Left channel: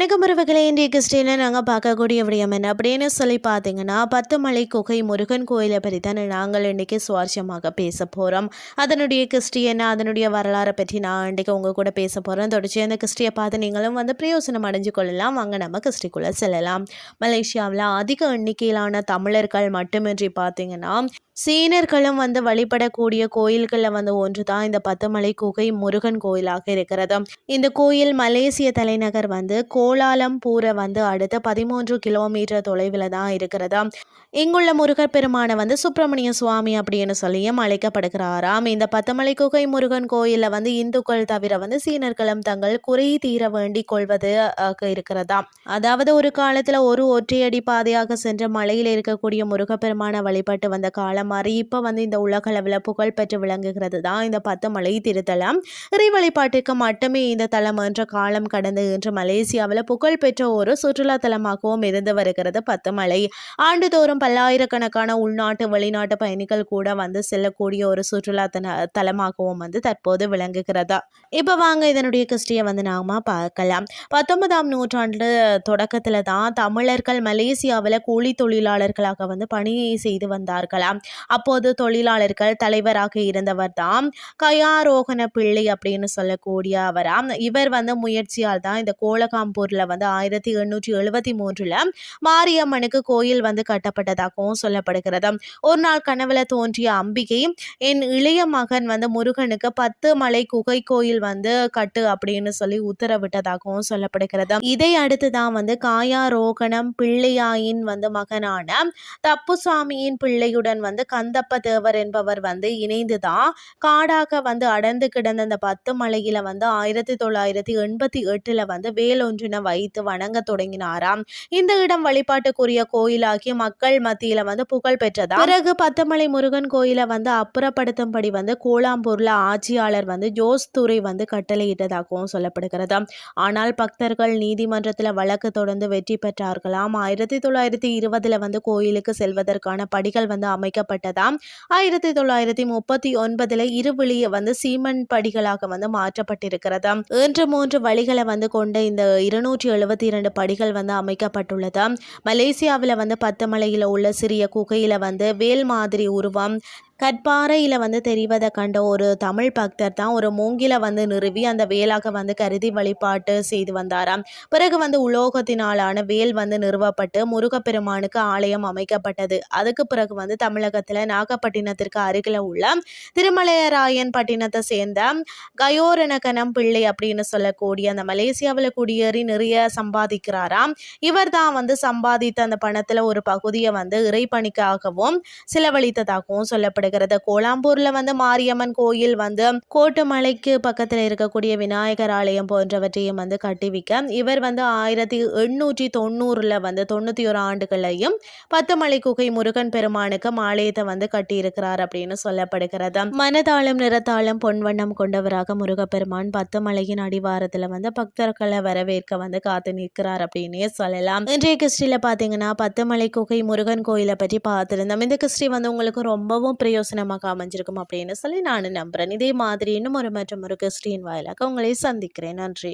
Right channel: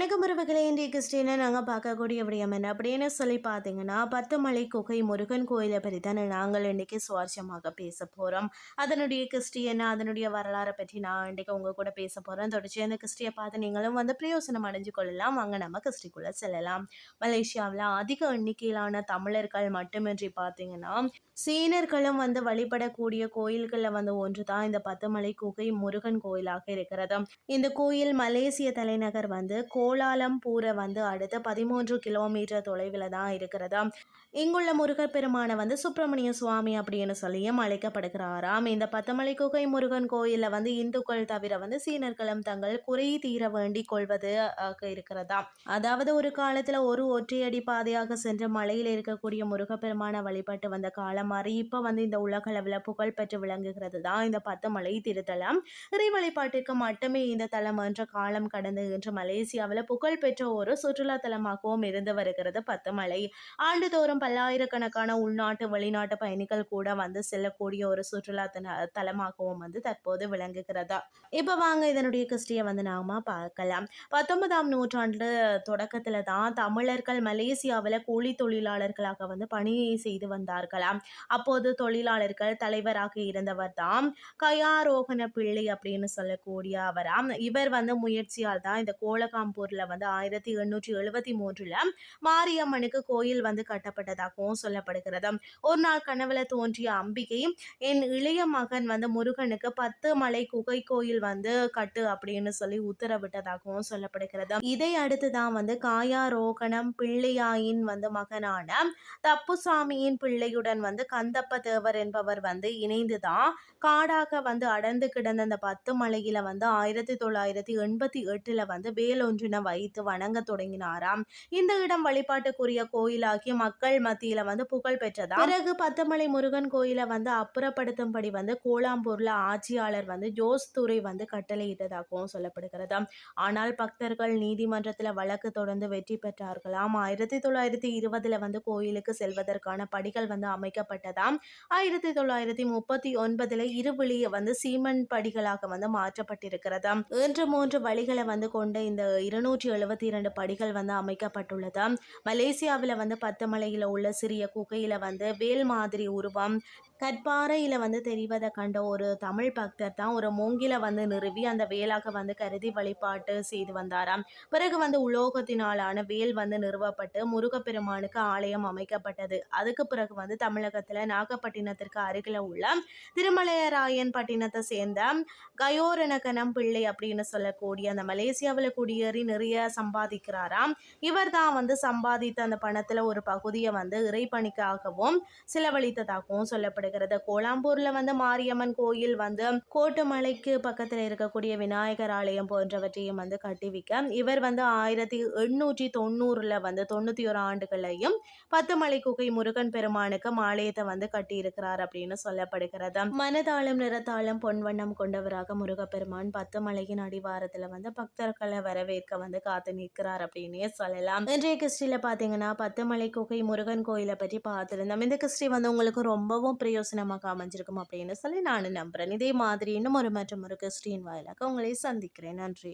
கிறிஸ்டினில் நாங்கள் பார்க்கக்கூடிய விடயம் என்ன? அப்படின்னு சொல்லி பார்த்தீங்கன்னா பத்து மலை குகை முருகன் கோயிலை பற்றி தான் நாங்கள் இன்றைக்கி சுவாரஸ்யமாக பேச போகிறோம் அதனுடைய கிறிஸ்டி என்ன அதனுடைய வரலாறை பற்றி நான் இன்றைக்கு உங்கள் கூட பேச போகிறேன் தொடர்ச்சி அந்த கிறிஸ்டியை பார்த்து நீங்களும் வந்து பிரயோசனம் அடைஞ்சு கொள்ளலாம். வாங்க நம்ம கிறிஸ்டிக்குள்ளே செல்லலாம். மலேசியாவில் அதிக எண்ணிக்கையிலான தமிழர்கள் மட்டுமின்றி பார்த்தீங்கன்னா சீனர்களும் வந்து வழிபடக்கூடிய கோயில்களில் வந்து ஒன்று தான் இந்த பத்துமலை குகை முருகன் கோயிலாக இருக்கிறது. இந்த கோயில் மலேசிய தலைநகர் வந்து கோ கோலாலம்பூரை வந்து அடுத்த பதிமூன்று கிலோமீட்டர் தொலைவில் தான் இருக்கிறதா? இங்குள்ள முருகர் பெருமானை வந்து சுப்பிரமணிய சுவாமி அப்படின்னு சொல்லியும் அழைக்கப்படுகிறாராம். இந்த பத்தமலை குகை முருகன் கோயிலில் வந்து இந்துக்கள் தவிர வந்து சீனர்களும் தங்கள் குறை தீர வேண்டி கொள்வது இருக்கிறதா அதாவது ஒரு காலத்தில் ஒரு ஒற்றையடி பாதையாக சென்ற மலையில் இருக்கக்கூடிய முருகப்பெருமானை வழிபட்டு வந்த காலம் மாறி இப்போ வந்து இந்த உலகளவில் புகழ்பெற்று விளங்குகிறது தான் இந்த பத்தமலை திருத்தலம். இறை வழிபாட்டுக்கு மட்டுமே இந்த தலம் என்ற காலம் கடந்து இன்று மலேசியா இந்தியாவில் புகழ்பெற்ற ஒரு சுற்றுலாத்தலமாகவும் இருந்து வருகிறது பத்துமலை. ஆண்டுதோறும் பல்லாயிரக்கணக்கான உள்நாட்டு வெளிநாட்டு பயணிகள் கூட வந்து செல்லக்கூடிய ஒரு சுற்றுலா தலமாகவும் வந்து தற்போது விளங்குகிறதா. இப்போ வாங்க இதனுடைய கிறிஸ்டியை வந்து நாம பார்க்கலாம். பத்தொன்பதாம் நூற்றாண்டு தொடக்கத்தில் தான் தமிழர்கள் மலேசியாவில் கூலி தொழிலாளர்களாக வந்து பணி செய்து வந்தார்களாம். அப்போது தொழிலாளர்கள் தலைவராக இருந்தவர் தான் கயாரோகண பிள்ளை அப்படின்னு சொல்லக்கூடிய அவராம். இவர் வந்து முயற்சியால் தான் இந்த திருப்பூரில் வந்து ஆயிரத்தி எண்ணூற்றி எழுபத்தி மூன்றில் மாரியம்மனுக்கு கோயில் வந்து கட்டப்பட்டதாகவும் சொல்லப்படுகிறது. ஒரு நாள் கனவுல தோன்றிய அம்பிகை என் இளைய மகன் வந்து முருகனுக்கு பத்து மலை குகை கோயில் வந்து கட்டு அப்படின்னு சொல்லி உத்தரவிட்டதாகவும் சொல்லப்படுகிறது. இதை அடுத்து தான் வந்து காயாரோகணம் பிள்ளையாயின் வந்து மகனான தப்புசாமியின் பிள்ளையுடன் வந்து கந்தப்ப தேவர் என்பவர் வந்து இணைந்து தான் காடாக வந்து அடர்ந்து கிடந்த அந்த பத்து மலையில வந்து ஆயிரத்தி தொள்ளாயிரத்தி எண்பத்தி எட்டுல வந்து வேலொன்றினை வைத்து வணங்க தொடங்கினாராம். இந்த இடம் வழிபாட்டுக்குரிய கோயிலாகி மக்கள் மத்தியில வந்து புகழ் பெற்றதா பிறகு பத்தமலை முருகன் கோயிலை வந்து அப்புறப்படுத்தும்படி வந்து கோலாம்பூர்ல ஆட்சியாளர் வந்து ஜோஸ் துறை வந்து கட்டளையிட்டதாகவும் சொல்லப்படுகிறது ஆனால் பக்தர்கள் நீதிமன்றத்தில் வழக்கு தொடர்ந்து வெற்றி பெற்றார்களாம். ஆயிரத்தி தொள்ளாயிரத்தி இருபதுல வந்து கோயிலுக்கு செல்வதற்கான படிகள் வந்து அமைக்கப்பட்டதாம். ஆயிரத்தி தொள்ளாயிரத்தி முப்பத்தி ஒன்பதுல இருவழிய வந்து சீமன் படிகளாக வந்து மாற்றப்பட்டிருக்கிறது இன்று மூன்று வழிகளை வந்து கொண்ட இந்த இரு இருநூற்றி எழுபத்தி இரண்டு படிகள் வந்து அமைக்கப்பட்டுள்ளது. மலேசியாவில் வந்து பத்து மலையில் உள்ள சிறிய குகையில் வந்து வேல் மாதிரி உருவம் கற்பாறையில் வந்து தெரிவதை கண்ட ஒரு தமிழ் பக்தர் தான் ஒரு மூங்கில வந்து நிறுவி அந்த வேலாக வந்து கருதி வழிபாட்டு செய்து வந்தாராம். பிறகு வந்து உலோகத்தினாலான வேல் வந்து நிறுவப்பட்டு முருகப்பெருமானுக்கு ஆலயம் அமைக்கப்பட்டது. அதுக்கு பிறகு வந்து தமிழகத்தில் நாகப்பட்டினத்திற்கு அருகில் உள்ள திருமலையராயன் பட்டினத்தை சேர்ந்த கயோரணகனம் பிள்ளை அப்படின்னு சொல்லக்கூடிய அந்த மலேசியாவில் குடியேறி நிறைய சம்பாதிக்கிறாராம். இவர் தான் வந்து சம்பாதித்த அந்த பணத்தில் ஒரு பகுதியை வந்து இறைப்பணிக்காகவும் செலவழித்ததாகவும் சொல்லப்படுது கொண்டாடுகிறது கோலாம்பூர்ல வந்து மாரியம்மன் கோயில் வந்து கோட்டுமலைக்கு பக்கத்தில் இருக்கக்கூடிய விநாயகர் ஆலயம் போன்றவற்றையும் வந்து கட்டிவிக்க. இவர் வந்து ஆயிரத்தி எண்ணூற்றி தொண்ணூறுல வந்து தொண்ணூத்தி ஒரு ஆண்டுகளையும் பத்துமலை குகை முருகன் பெருமானுக்கு மாலயத்தை வந்து கட்டியிருக்கிறார் அப்படின்னு சொல்லப்படுகிறது. மனதாளம் நிறத்தாளம் பொன்வண்ணம் கொண்டவராக முருகப்பெருமான் பத்துமலையின் அடிவாரத்துல வந்து பக்தர்களை வரவேற்க வந்து காத்து நிற்கிறார் அப்படின்னே சொல்லலாம். இன்றைய கிறிஸ்டியில் பார்த்தீங்கன்னா பத்துமலை குகை முருகன் கோயிலை பற்றி பார்த்துருந்தோம். இந்த கிறிஸ்டி வந்து உங்களுக்கு ரொம்பவும் பிரிய பிரயோசனமாக அமைஞ்சிருக்கும் அப்படின்னு சொல்லி நான் நம்புகிறேன் இதே மாதிரி இன்னும் ஒரு மற்றும் ஒரு கிறிஸ்டின் வாயிலாக உங்களை சந்திக்கிறேன். நன்றி.